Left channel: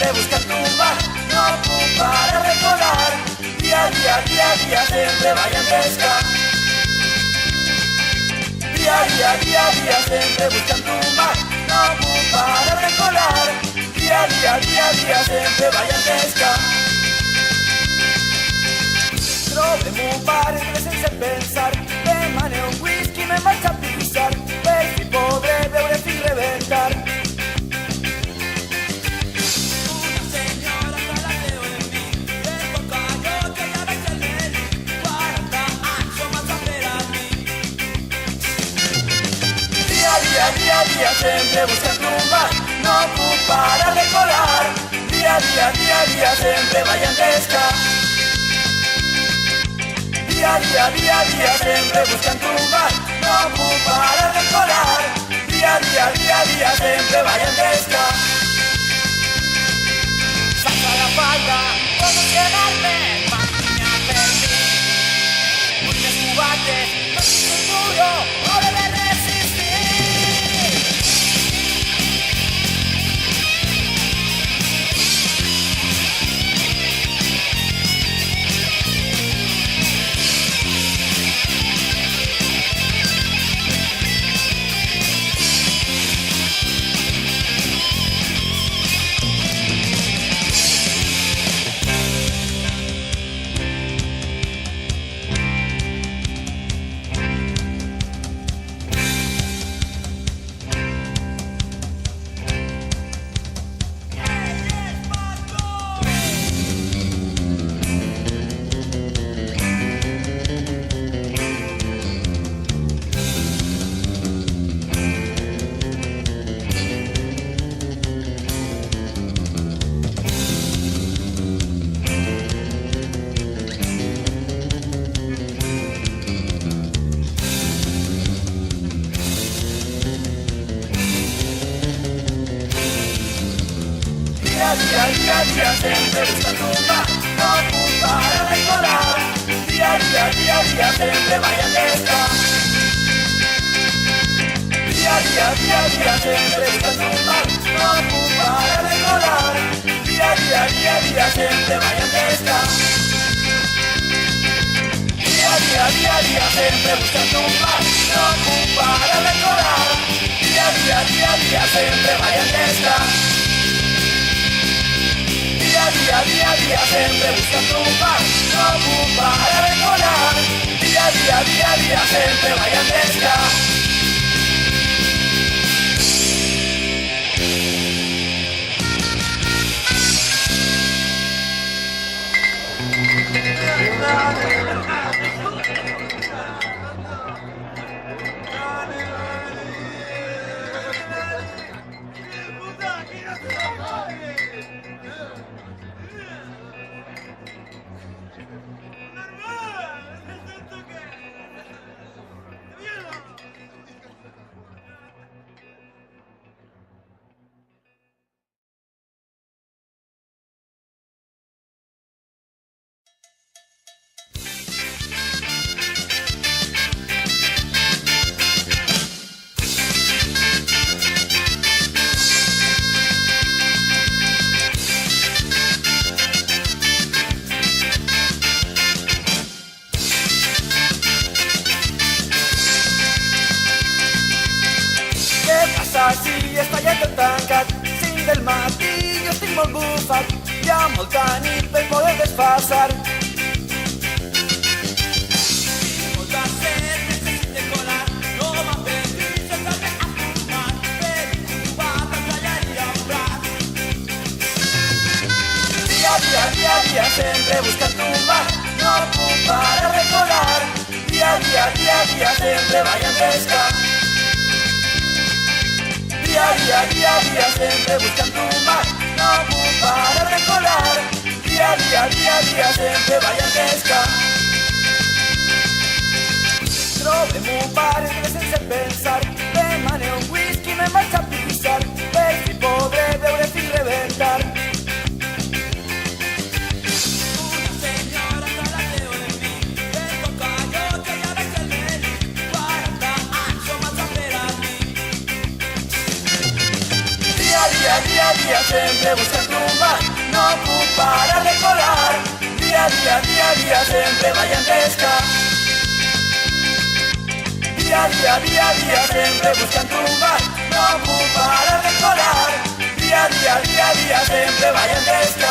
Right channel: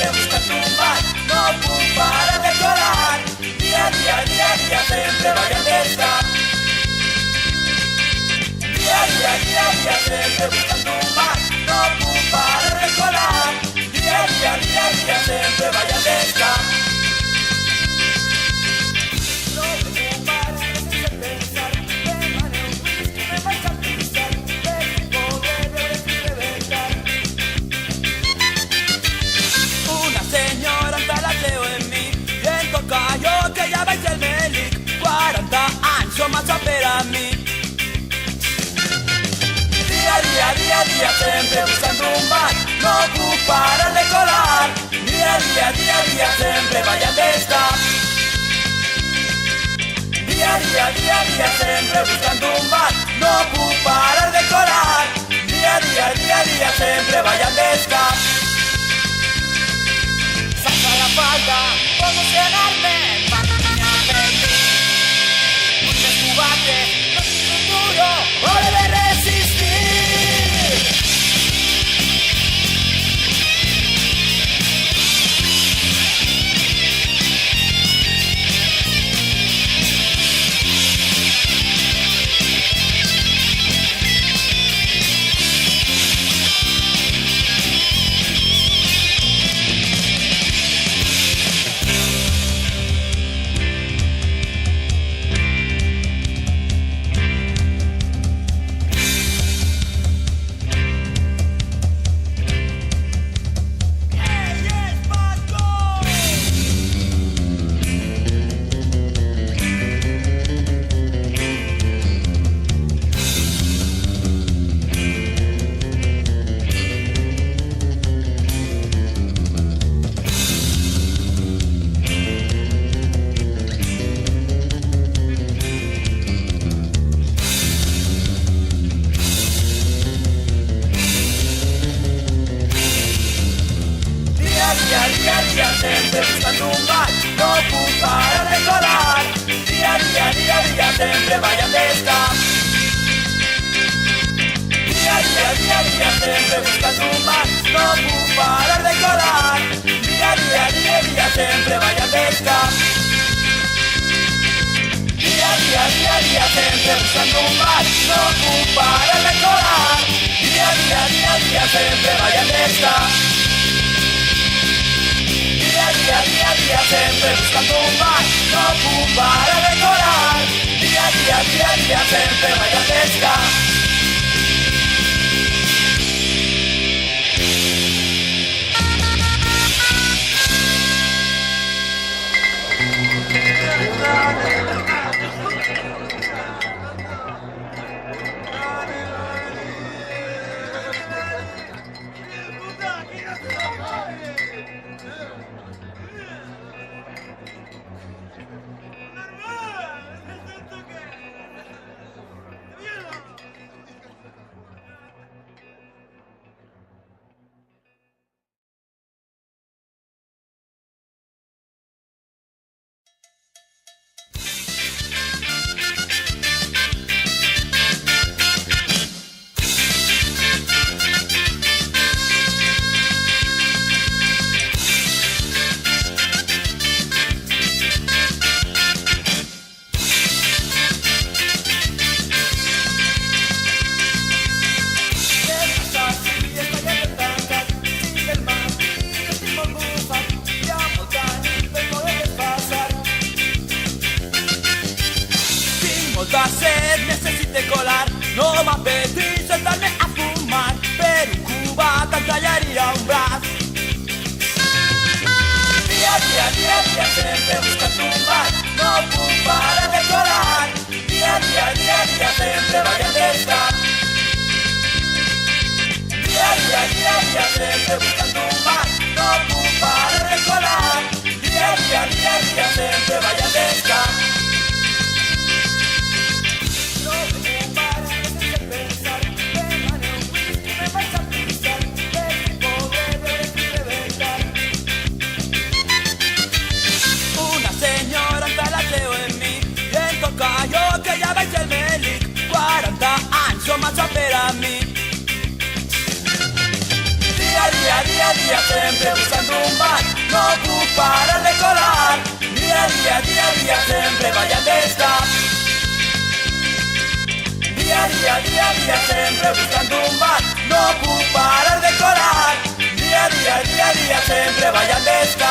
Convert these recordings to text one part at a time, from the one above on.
sempre buscando un bar, no puc parar de colar. Dia, sempre vaig entesca. Dia, sempre buscando un bar, no puc parar de colar. Dia, sempre vaig entesca. Trobem un bar sense pensar, demane un whisky, me'n vaig a pixar, per si podré beure fins rebentar. Una senyora està la seu en mi, em toca jo que ja vaig el mèdic, 40 anys som massa per a mi. Dia, sempre buscant un bar, no puc parar de colar. Dia, sempre vaig entesca. Dia, sempre buscando un bar, no puc parar de colar. Dia, sempre vaig entesca. Saps a la falta, com llegar-me, máquina per mi. Vull més combate, no tinc un duro, o debe resistir. Dia, sempre buscando un bar, no puc parar de colar. Dia, sempre vaig entesca. Dia, sempre buscando un bar, no puc parar de colar. Dia, sempre vaig entesca. Dia, sempre buscando un bar, no puc parar de colar. Dia, sempre vaig entesca. Dia, sempre buscando un bar, no puc parar de colar. Dia, sempre vaig entesca. Dia, sempre buscando un bar, no puc parar de colar. Dia, sempre vaig entesca. Dia, sempre buscando un bar, no puc parar de colar. Dia, sempre vaig entesca. Trobem un bar sense pensar, demane un whisky, me'n vaig a pixar, per si podré beure fins rebentar. Una senyora està la seu en mi, em toca jo que ja vaig el mèdic, 40 anys som massa per a mi. Dia, sempre buscando día, sempre buscando un bar, non puc parar de colar. Día, sempre vai a pesca.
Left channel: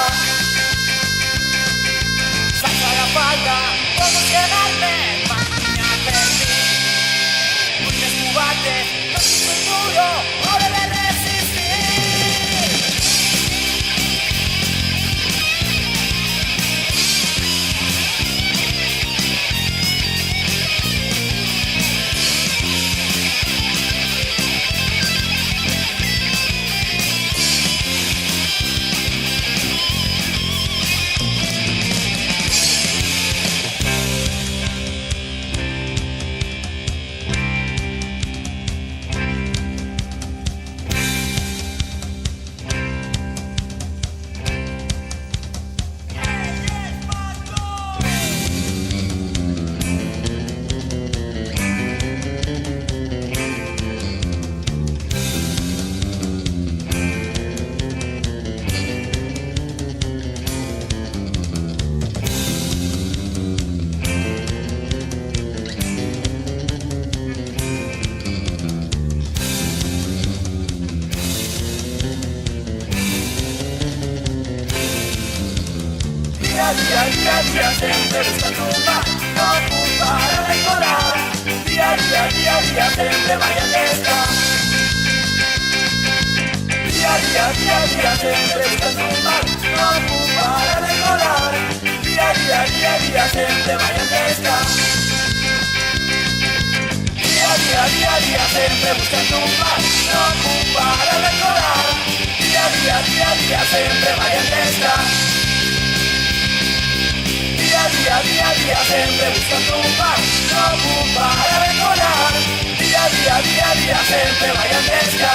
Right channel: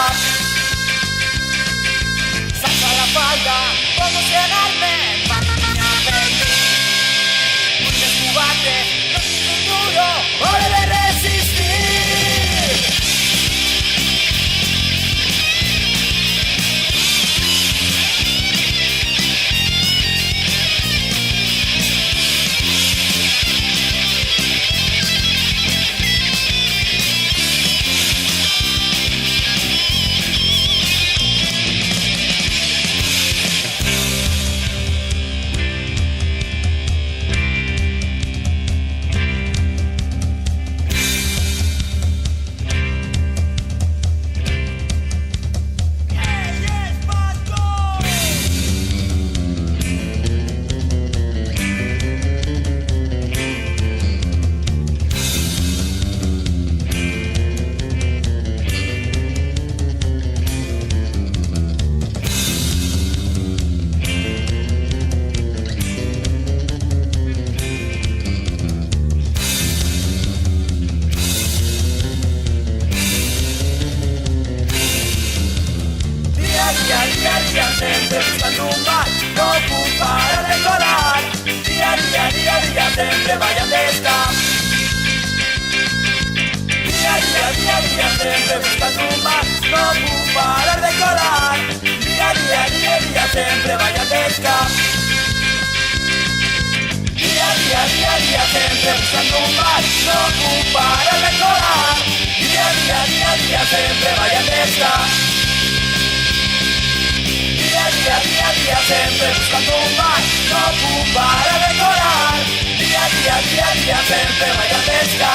Salta la falda, como llegarme, máquina perdí. Un descubate, no sin futuro, o debe resistir. Día, sempre buscando un bar, non puc parar de colar. Día, sempre vai a pesca. Día, sempre buscando un bar, non puc parar de colar. Día, sempre vai a pesca. Día, sempre buscando un bar, non puc parar de colar. Día, sempre vai a pesca. Día, sempre buscando un bar, non puc parar de colar. Día, sempre vai a pesca.